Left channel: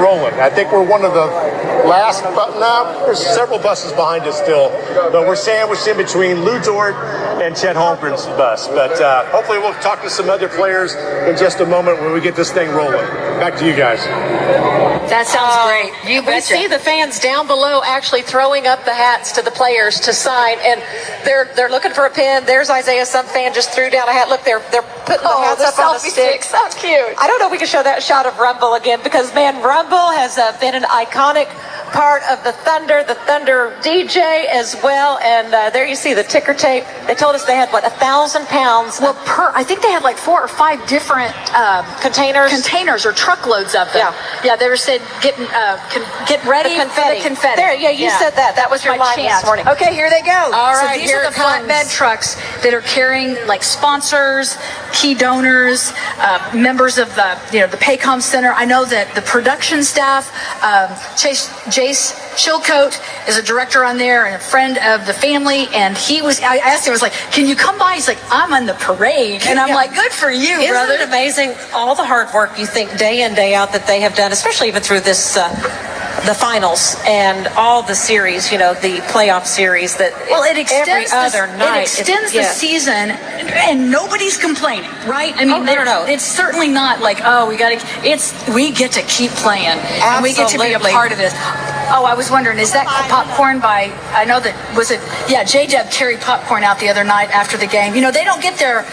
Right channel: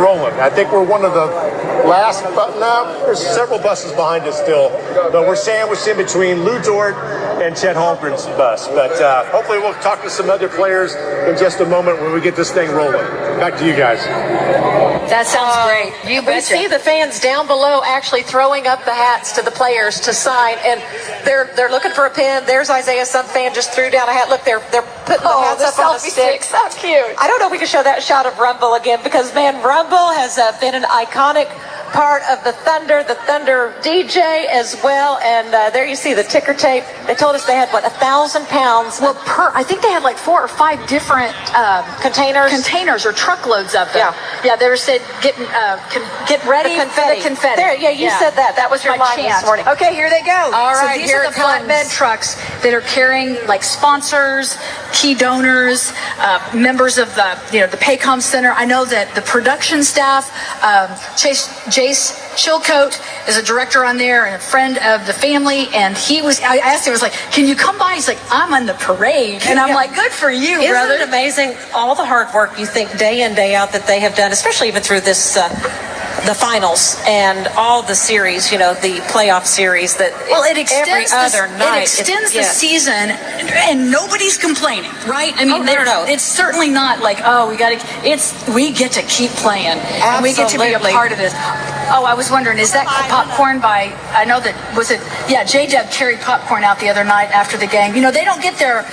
Rolling. I think we're one of the last, there's several buses behind us still, but we're sandwiched in between Lou Dort and Chet Holmgren's bus. But hopefully we'll talk to some other players in just a moment when we get this thing rolling. Back to you guys. That sounds great. You betcha. We see the fans down below actually throwing up the hats to the players to sign, and they're looking for a pin. There's Isaiah. Some fan just threw down a hat. Look, they're putting the hats up on the stick. So cute. I don't know if we can show that shot of Rumble again, because man, Rumble has been an iconic part of the Thunder DJ as well. And there you see the ticker tape. They told us they had, 1,000 pounds? Well, I think they had like 4 or 5 different containers or truckloads of them. Yeah, they were said get ready the confetti. There, you said that. That was your line this morning. Okay, here they go. All so right, these are the flatbed trucks that are carrying like sponsors, key donors, members of the the Paycom Center. I know that the production staff, Jace Chilcote is a director on there and a friend of the family, and I asked him, I was like, can you come by? He's like, I'm on the parade. And I'm like, good for you, brother. Isn't it amazing all the hard work you think day in, day out that they have done, especially even through this the finals and all the series, the playoff series that it extends every other night. It extends the season, and nobody's complaining, right? I mean, no. It's certainly not like, we get to keep playing, and we get to be a part of this. Oh, I was wondering, is that popcorn by, I know that, J-Dub carried popcorn out the other night after the game. They don't get their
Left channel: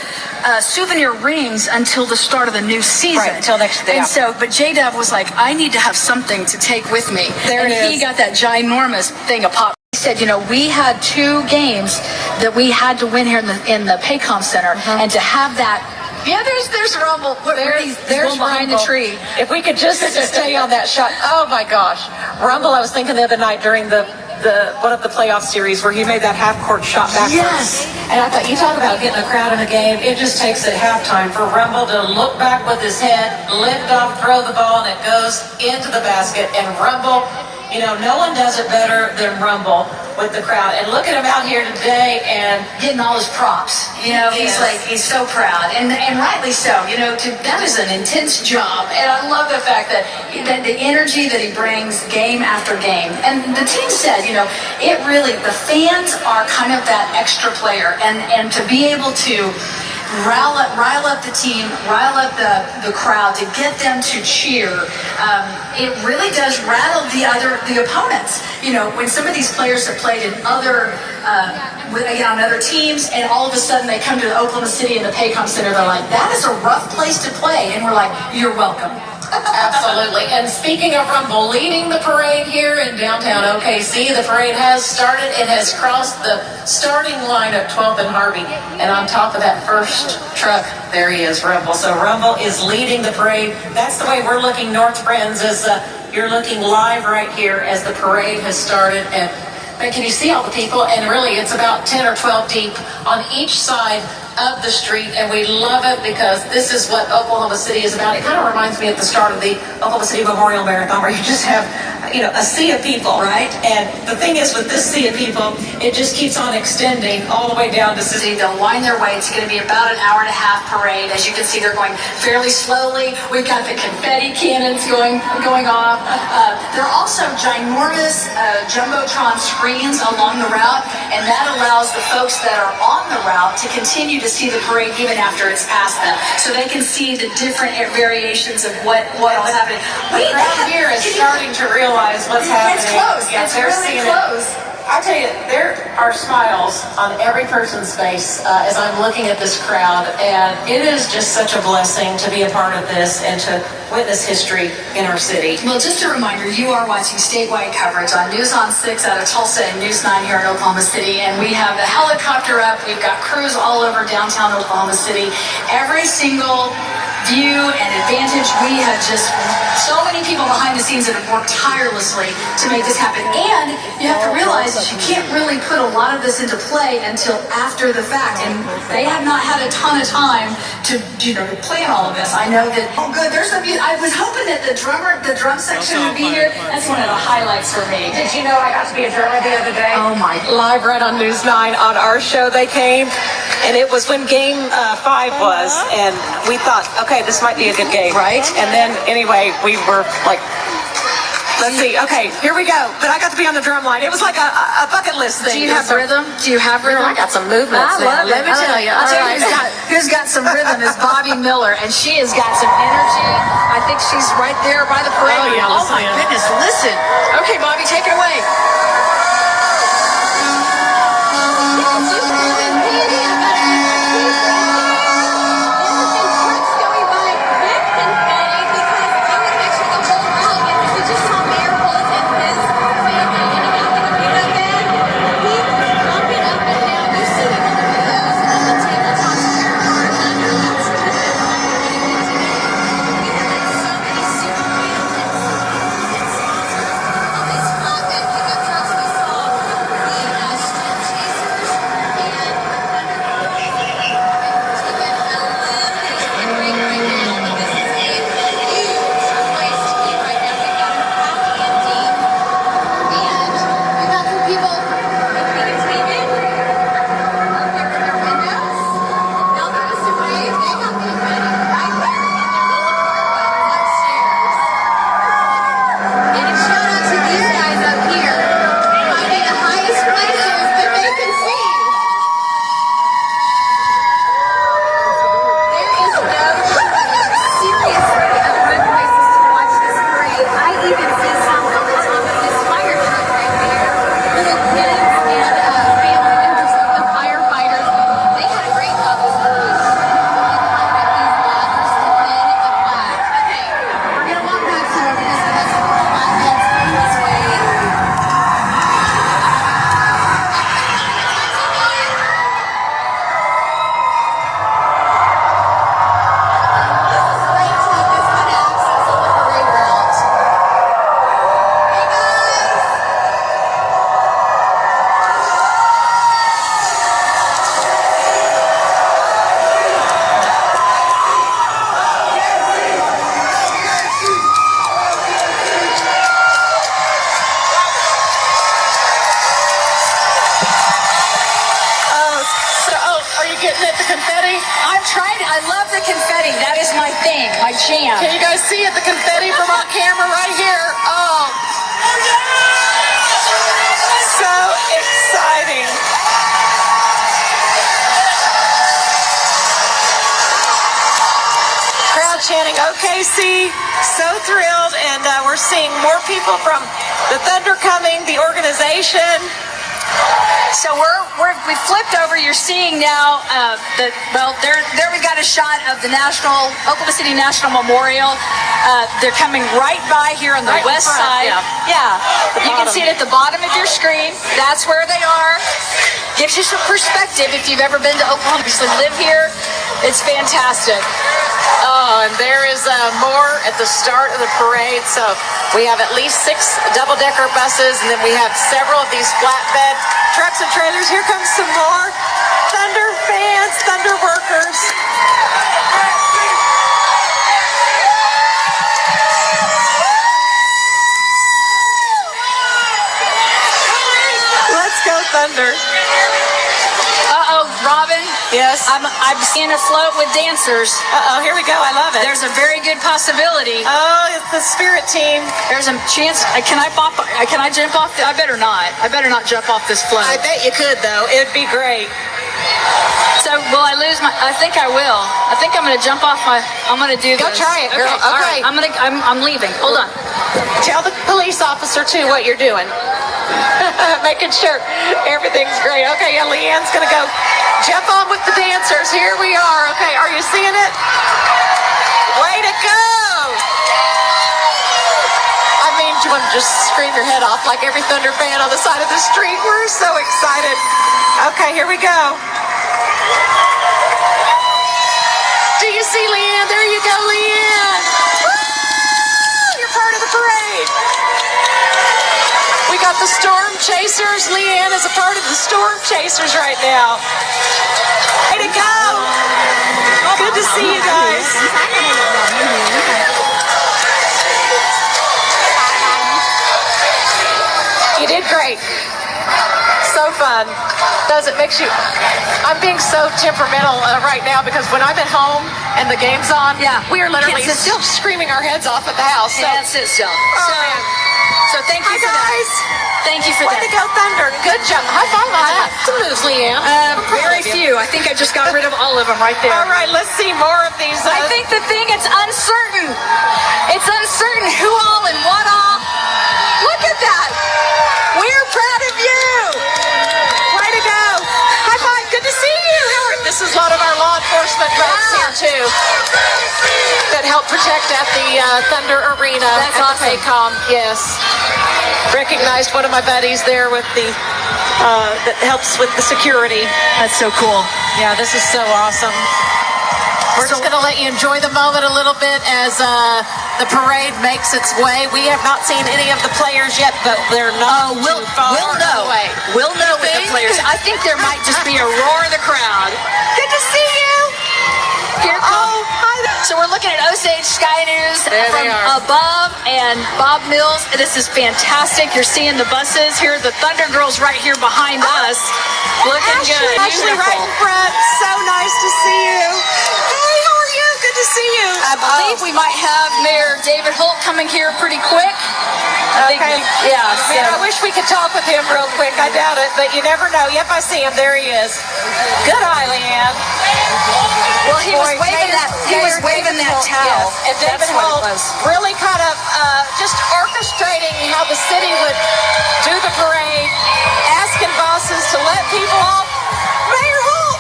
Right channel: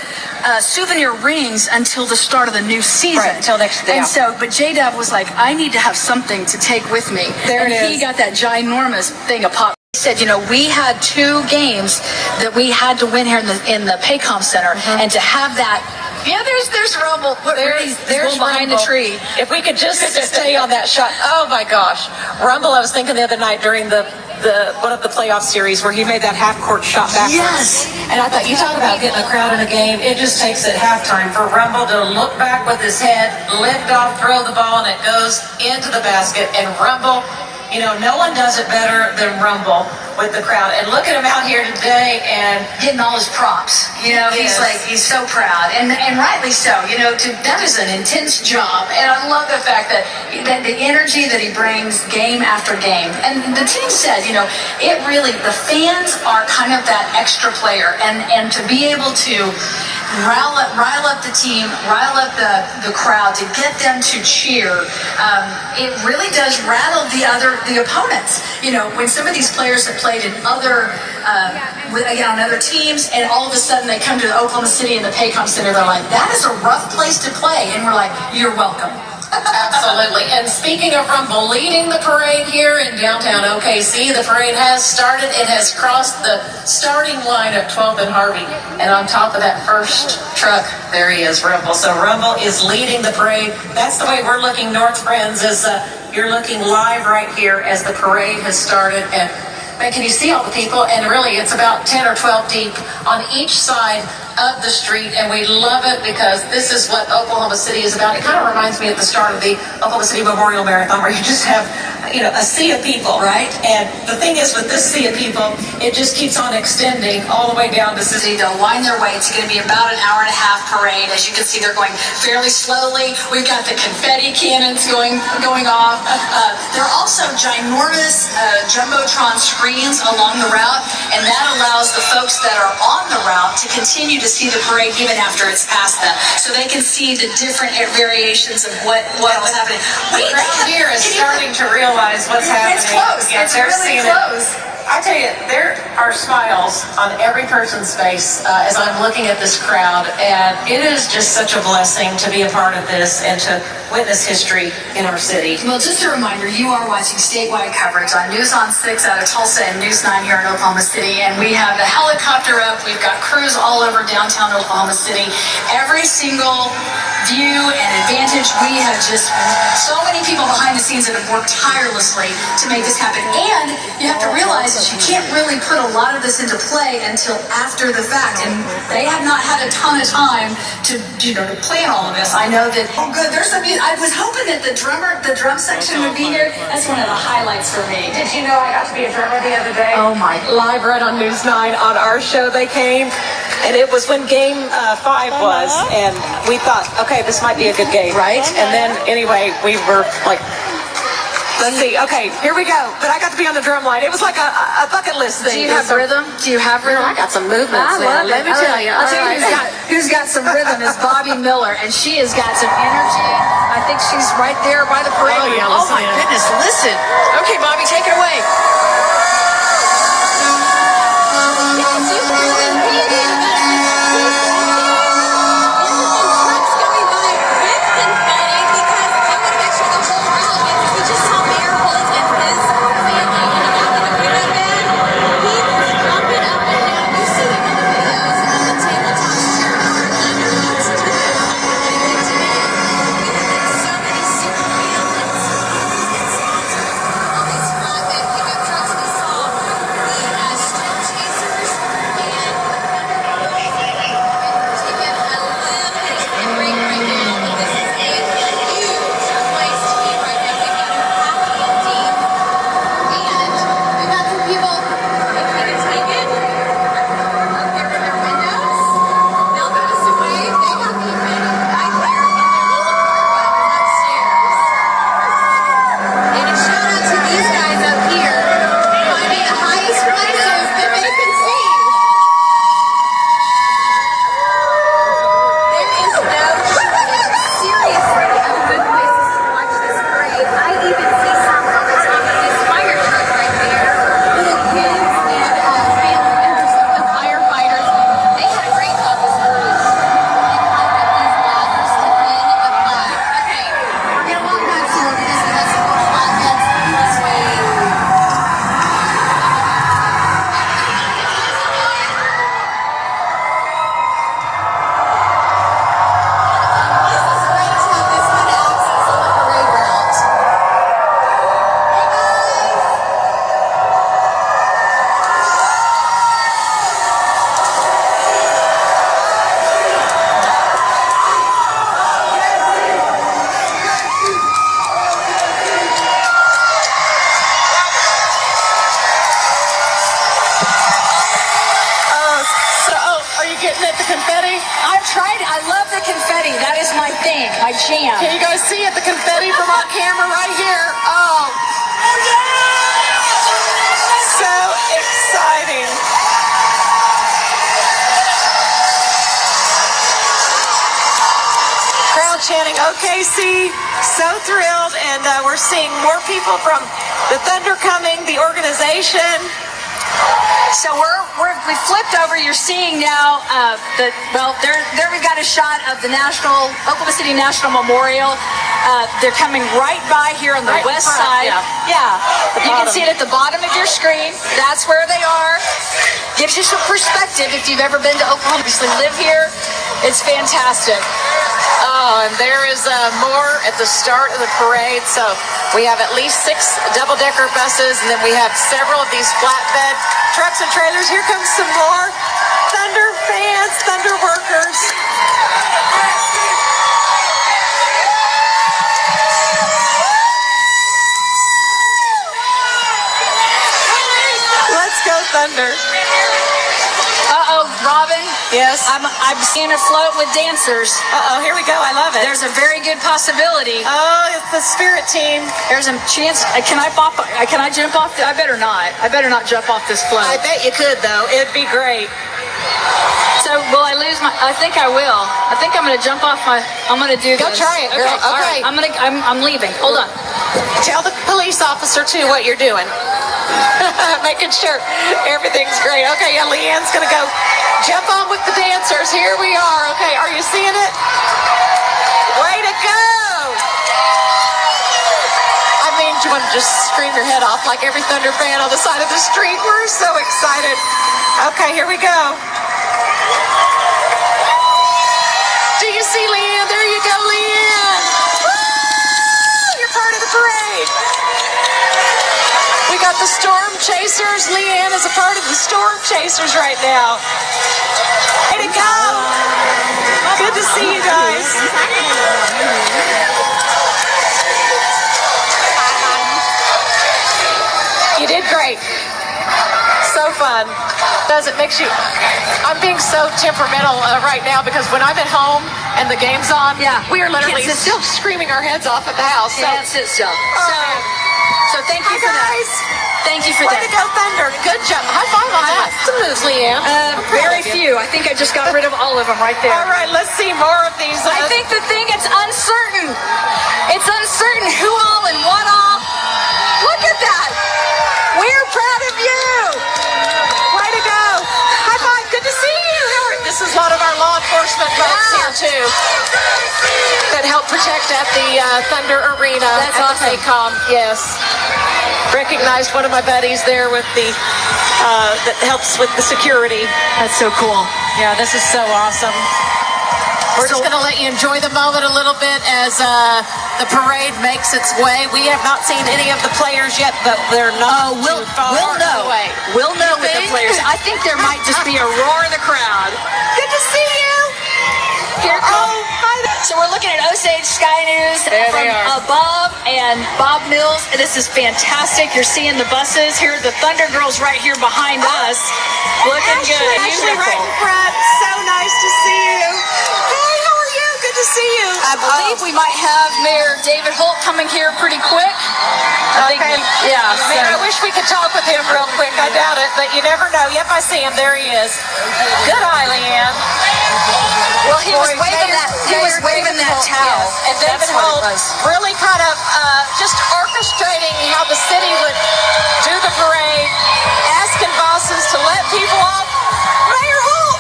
souvenir rings until the start of the new season. Right, until next day. And so, but J-Dub was like, I need to have something to take with me. He got that ginormous thing of popcorn. He said, we had 2 games that we had to win here in the Paycom Center, and to have that. Yeah, there's Rumble. There's behind the tree. If we could just stay on that shot. Oh my gosh, Rumble! I was thinking the other night during the one of the playoff series where he made that half court shot back. Yes. And I thought, you talk about getting a crowd in a game. It just takes at halftime for Rumble to look back with his head, lift off, throw the ball, and it goes into the basket. And Rumble, no one does it better than Rumble with the crowd. And look at him out here today and getting all his props. He's so proud, and rightly so. That is an intense job, and I love the fact that the energy that he brings game after game. And the team said, the fans are kind of that extra player, and to be able to rile up the team, rile up the crowd, to get them to cheer. It really does rattle the opponents. When some of these players have played in other on other teams, and all of a sudden they come to Oklahoma City in the Paycom Center, they're like, that is a rough place to play, and we're like, you're welcome. Absolutely. And speaking of Rumble leading the parade here in downtown OKC, the parade has started. It has crossed the starting line at 12th and Harvey. And on top of that first truck, there he is, Rumble. So Rumble is leading the parade. That's the way we're looking north, friends, is you're looking live right here as the parade has started. And man, can you see all the people? And really, it's about 10 or 12 deep on each side of the street, and we love it because this is what Oklahoma City is about. It kind of reminds me at the start of the Oklahoma City Memorial Marathon, where you just have a sea of people, right? And the thing is, with this sea of people, it just keeps on extending all the way down the city. They'll wind their way. It's going to be about an hour and a half parade. As you can see, they're going fairly slowly. We've got the confetti cannons going off. There are also ginormous jumbotron screens along the route, and that allows the folks that are on the route to continue to see the parade even after it's past them, so they can see the different variations of what was happening. The crowd here is starting to realize what's happening. It's close. Yeah, it's really close. I tell you, there are smiles on every person's face as I'm looking at this crowd, and it is just such a blessing to be a part of this and to witness history in our city. Well, just a reminder, you are watching statewide coverage on News on 6 out of Tulsa and News 9 here in Oklahoma City, and we have the helicopter up. We've got crews all over downtown Oklahoma City. Every single view and advantage. We have just so many people behind the scenes that have worked tirelessly to make this happen. And you have to realize that you can't really put a lot of this into play until after the fact. And they have not had a ton of time to plan all of this. I know that, there's some music. I was hoping that the drum section would be here. That's one of the highlights for me. Did you know I got to be a drummer the other day? Oh my. Live right on News 9 on our show they came. And it was when game 5 was. And we thought, okay, this might be a good game. Right. And then, anyway, we were like Let's see. Okay, here we go. But I got to be on the drum line. It was like a bucket list thing. Do you have rhythm? Do you have rhythm? I got some movements. I love it. Let me tell you. I'll tell you who's got some rhythm is Bobby Miller, and she has got some energy. I think she's right there by the parade. Oh, yeah, Oh listen my in. goodness, listen. Okay, Bobby, take it away. confetti. That is my thing, my jam. Can you guys see it? The confetti from our camera right here. Oh. So exciting. Crowd chanting OKC. So thrilled. And we're seeing more people from the Thunder coming, the organization. So we flipped over. You're seeing now there we've got a shot of the Oklahoma City National Memorial. They're coming right by here on the west side. Yeah. You can see it at the bottom of your screen. That's where they are. Gives you some perspective if you've ever been to Oklahoma. You live here. It's fantastic. Oh, and there is more at the start of the parade. So we have at least 6 double-decker buses, and then we have several of these flatbed trucks and trailers. Here comes some more Thunder fans, Thunder workers. Let's go Thunder. Robin. Yes. I'm seeing a float with dancers. Here we go. I love it. There's a very good possibility. Oh, it's the Spirit team. There's a chance. Can I jump off? I better not. I better not jump off this float. I bet you could, though. It'd be great. So will I lose my? I think I will. I think I'm going to jump off my. I'm going to do this. Go try it, girl. Okay. I'm leaving. Hold on. Tell the police officer too what you're doing. Making sure everything's great. Okay, yeah, Leanne's going to go jump on with the dancers. Here we are. Okay, are you seeing it? Way to go! I mean, do you want to just scream your head off like every Thunder fan on the side of the street? We're so excited. Okay, here we go. Do you see Leanne? There you go, Leanne. Woo! You're part of the parade. We got the Storm Chasers. Leanne is a part of the Storm Chasers right now. Way to go. Good to see you guys. You did great. So fun. It makes you. I'm being so temperamental right now because when I'm at home and the game's on, we are literally still screaming our heads off at the house. So. Can't sit still. So thank you for that. Thank you for Way that. to go, Thunder. Good job. High five on that. Absolutely, yeah. Very few. I think I just got rid of all of them right there. All right, let's see more of these. I think the thing it's uncertain. It's uncertain who all and what all. Look at that. We're proud of you. Way to go. High five. Good to see you. This is a lot of our law enforcement folks here, too, that help protect at the Thunder Arena. That's awesome. ACOM, yes. Recognized one of my buddies there with the, that helps with the security. That's so cool. Yeah, this is so awesome. We're just going to let you enjoy the moment a little bit as the parade makes its way. We have not seen any of the players yet, but they're not too far away. We'll know with the players. I think there might just be a roar of the crowd. Good to see you. So we're looking at Osage Sky News from above and Bob Mills. This is fantastic. You're seeing the buses here. The Thunder Girls right here behind us. Looking good. Ashley, right Beautiful. in front. So nice to see you. Hey, how are you? Good to see you. I believe we might have Mayor David Holt coming here pretty quick. Yeah. Man, I wish we could talk with him real quick. I doubt it, but you never know. Yep, I see him. There he is. Good eye, Leanne. Well, he was waving that towel. And David Holt really kind of just orchestrating how the city would do the parade, asking bosses to let people off. Mayor Holt,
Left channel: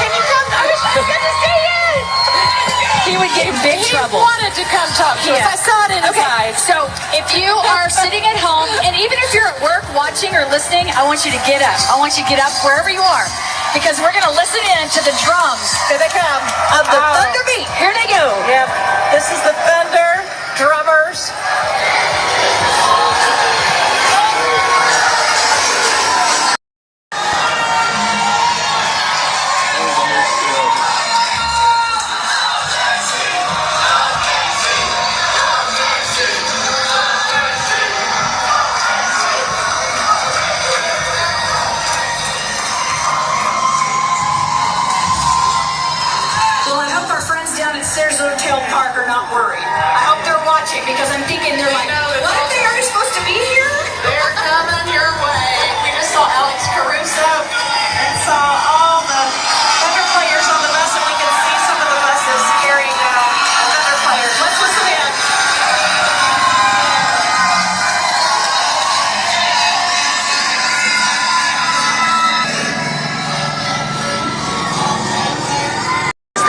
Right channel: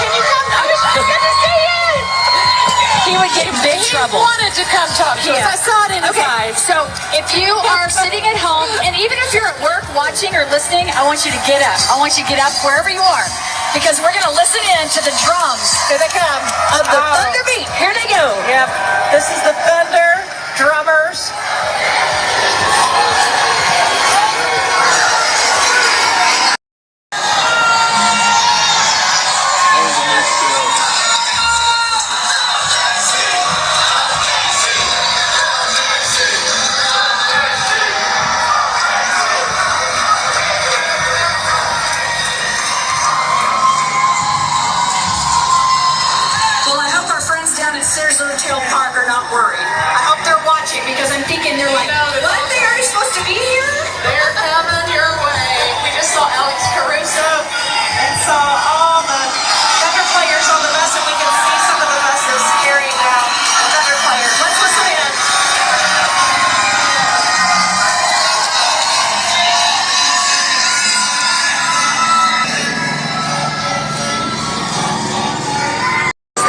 can you come? Good to see you. He would get in big trouble. He wanted to come talk to us. I saw it in his eyes. So if you are sitting at home, and even if you're at work watching or listening, I want you to get up. I want you to get up wherever you are, because we're going to listen in to the drums. Here they come. Of the Thunder Beat. Here they go. Yep. This is the Thunder drummers. Well, I hope our friends down at Stairs Hotel Park are not worried. I hope they're watching, because I'm thinking they're like, what? They already supposed to be here? They're coming your way. We just saw Alex Caruso and saw all the Thunder players on the bus, and we can see some of the buses carrying out Thunder players. Let's listen in.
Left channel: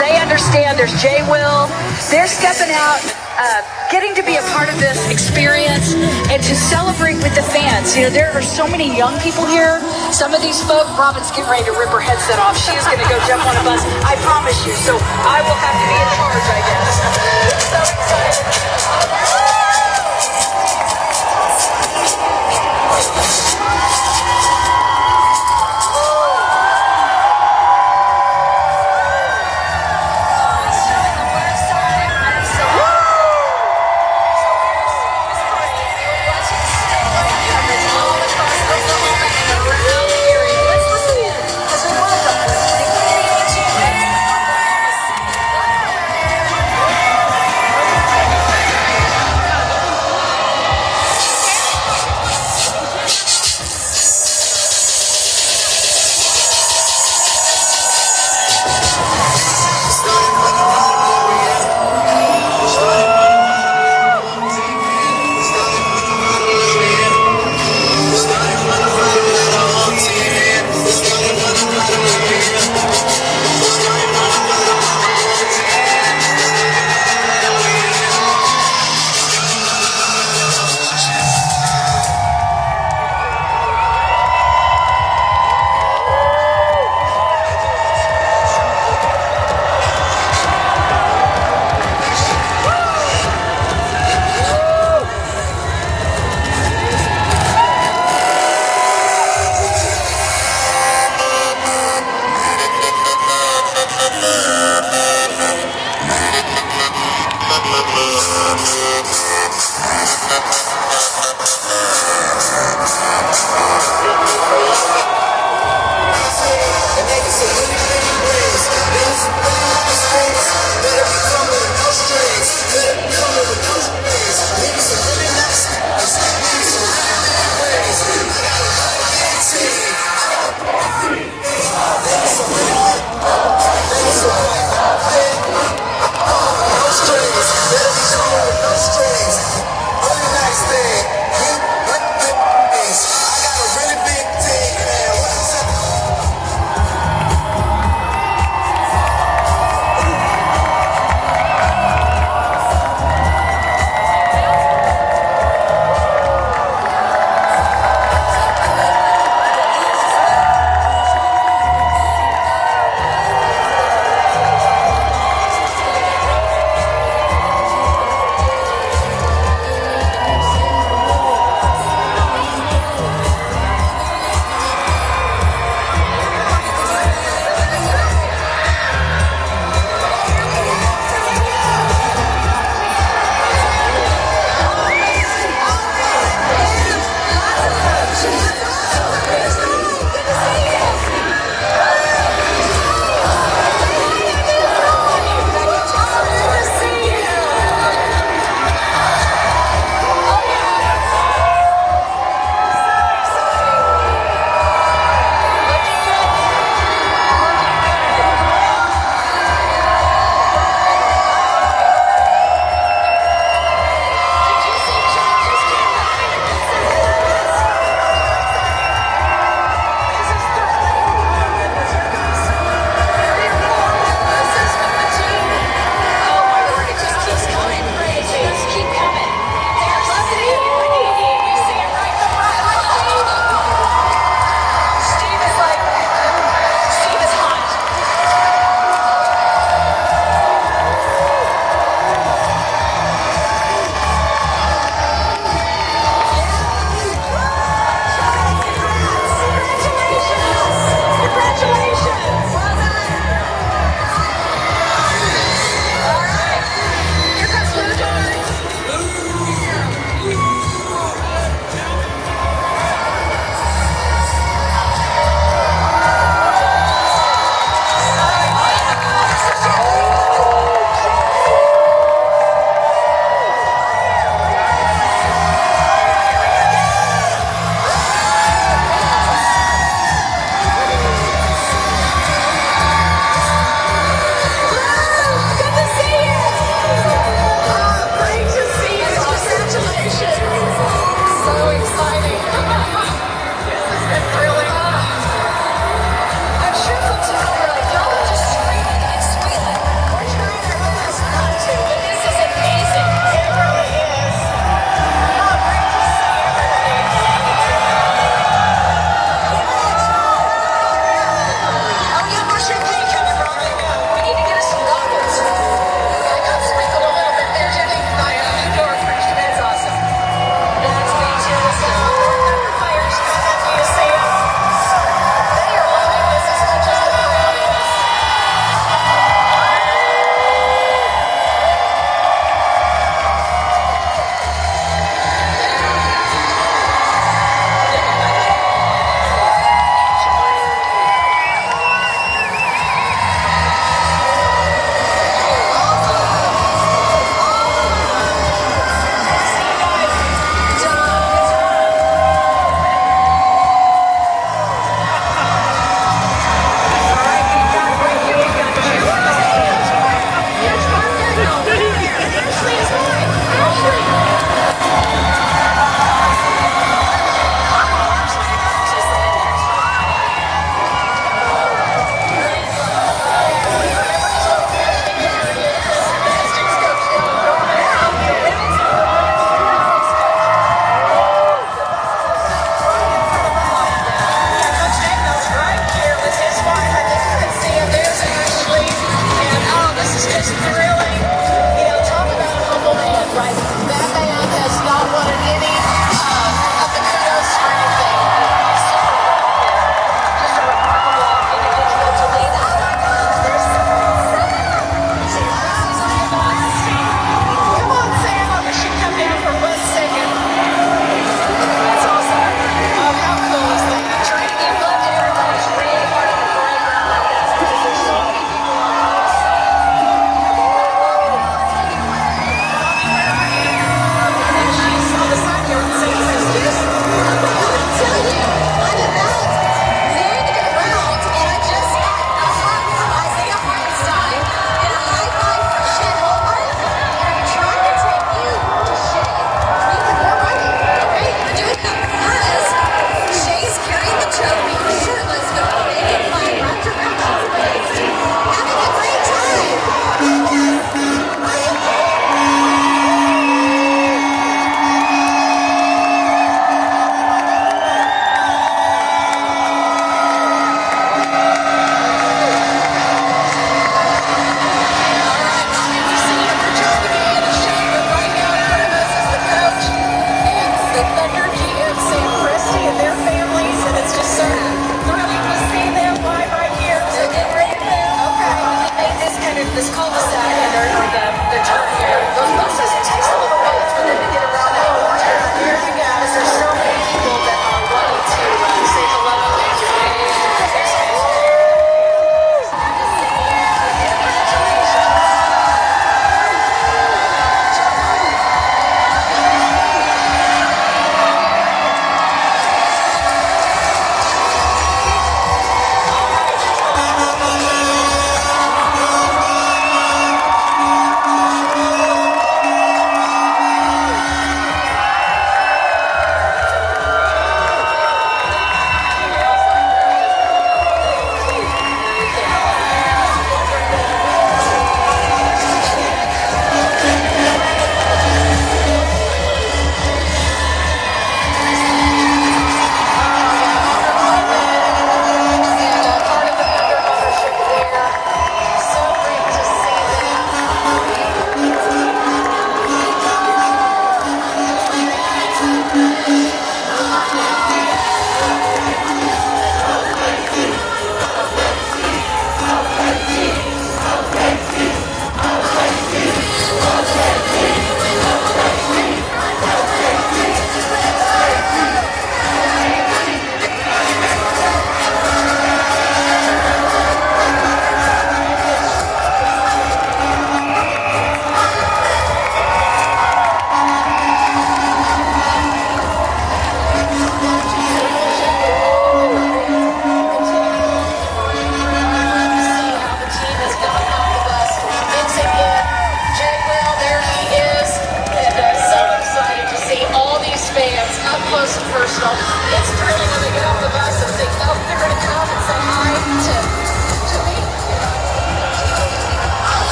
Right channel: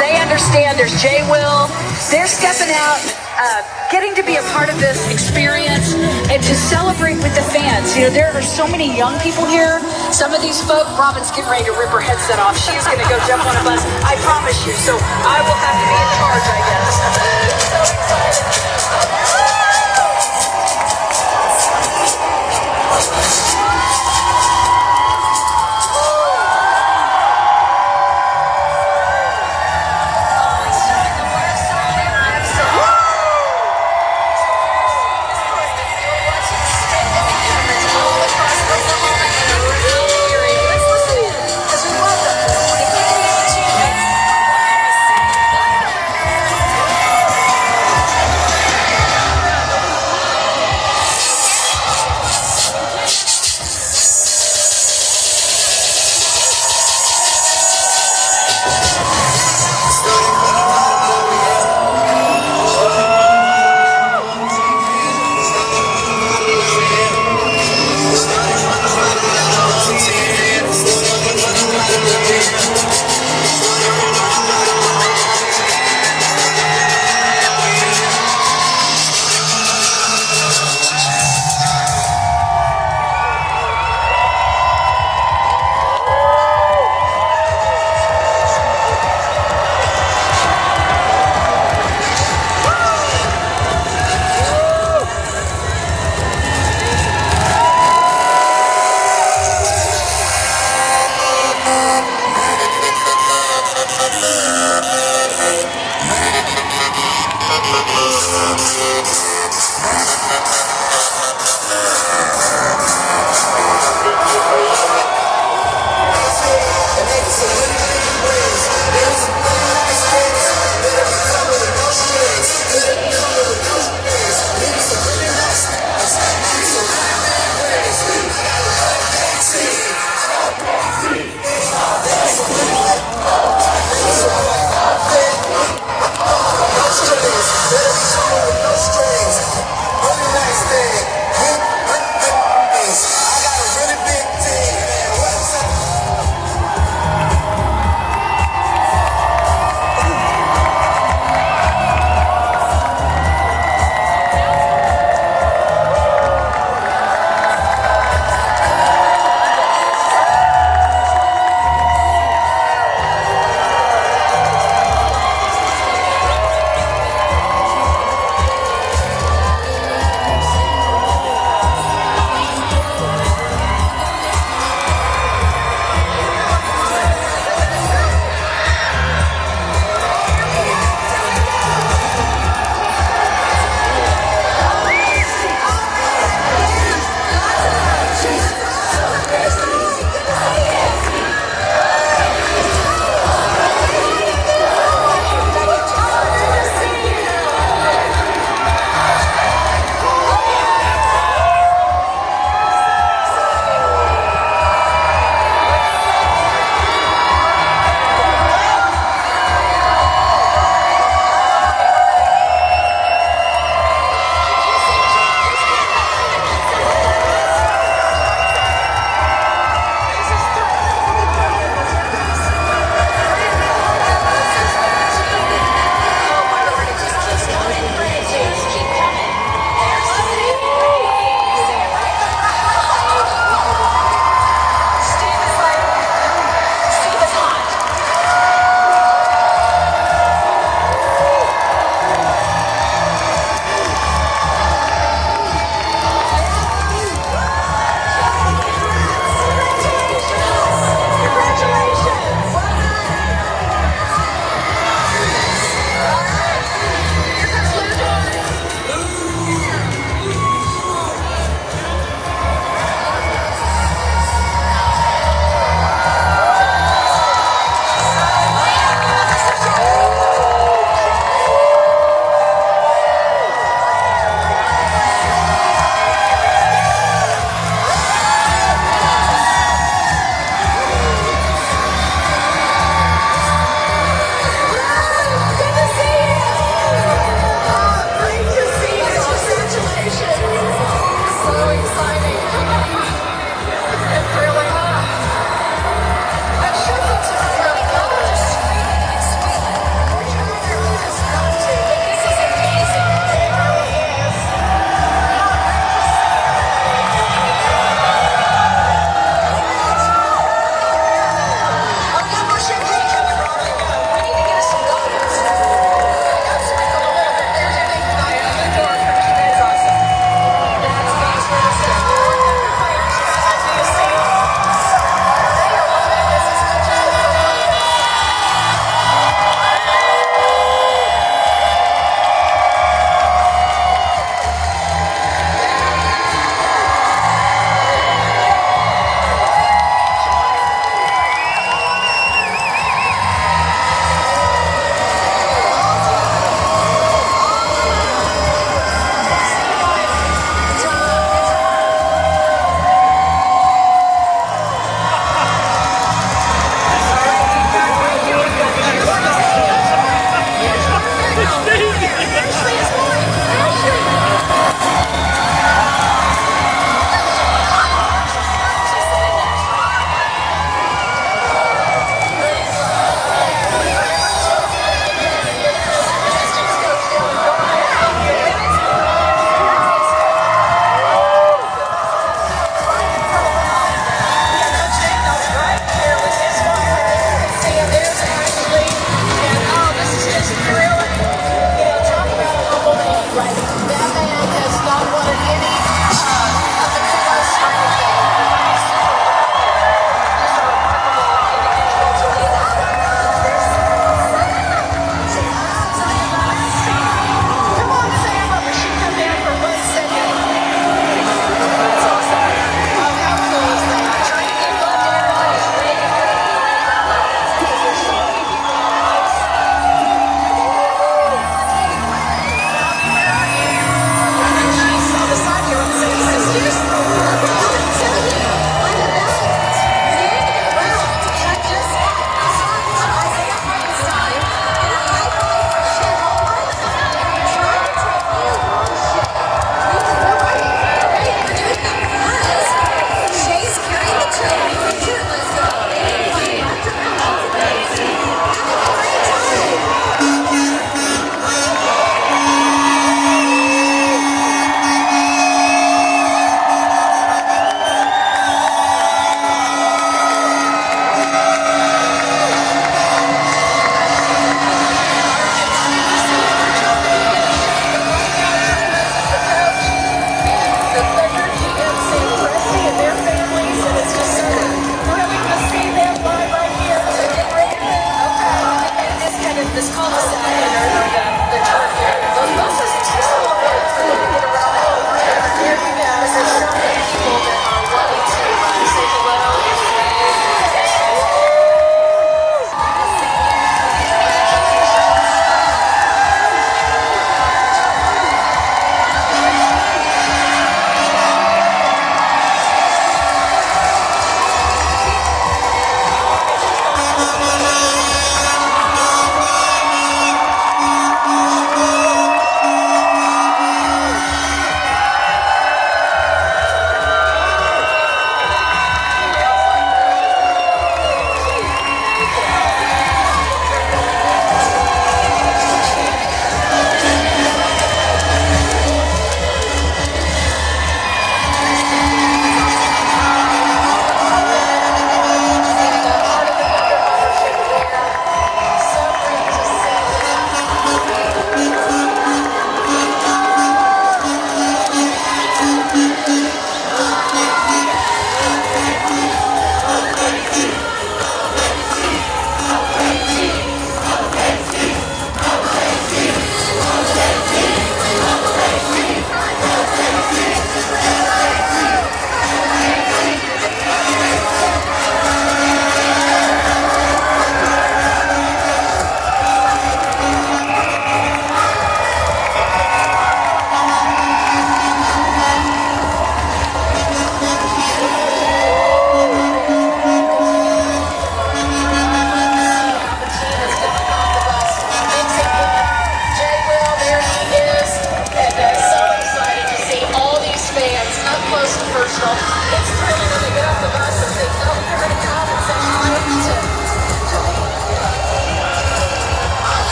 They understand there's Jay Will. They're stepping out, getting to be a part of this experience and to celebrate with the fans. You know, there are so many young people here. Some of these folk, Robin's getting ready to rip her headset off. She is going to go jump on a bus. I promise you. So I will have to be in charge, I guess.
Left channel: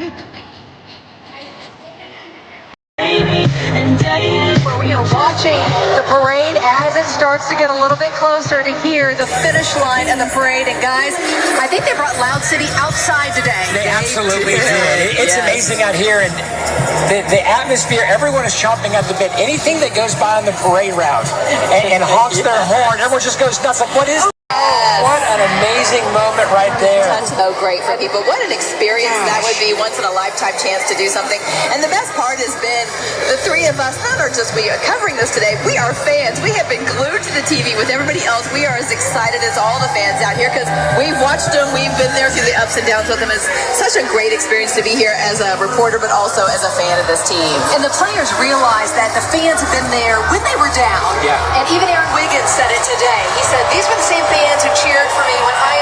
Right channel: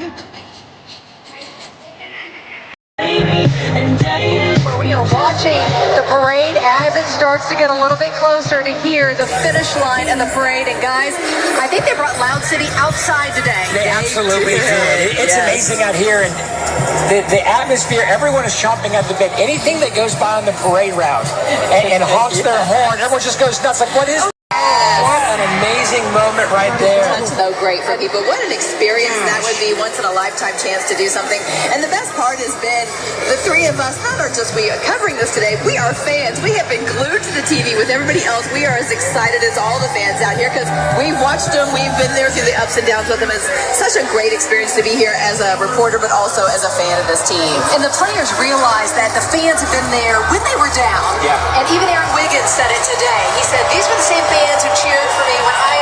Where we are watching the parade as it starts to get a little bit closer to here, the finish line and the parade. And guys, I think they brought Loud City outside today. They absolutely did. It's amazing out here, and the atmosphere, everyone is chomping at the bit. Anything that goes by on the parade route and honks their horn, everyone just goes nuts. Like, what is that? What an amazing moment right there. So great for people. What an experience that would be, once in a lifetime chance to do something. And the best part has been the three of us, not are just we covering this today, we are fans. We have been glued to the TV with everybody else. We are as excited as all the fans out here because we've watched them. We've been there through the ups and downs with them. It's such a great experience to be here as a reporter, but also as a fan of this team. And the players realized that the fans have been there when they were down. Yeah. And even Aaron Wiggins said it today. He said, these were the same fans who cheered for me when I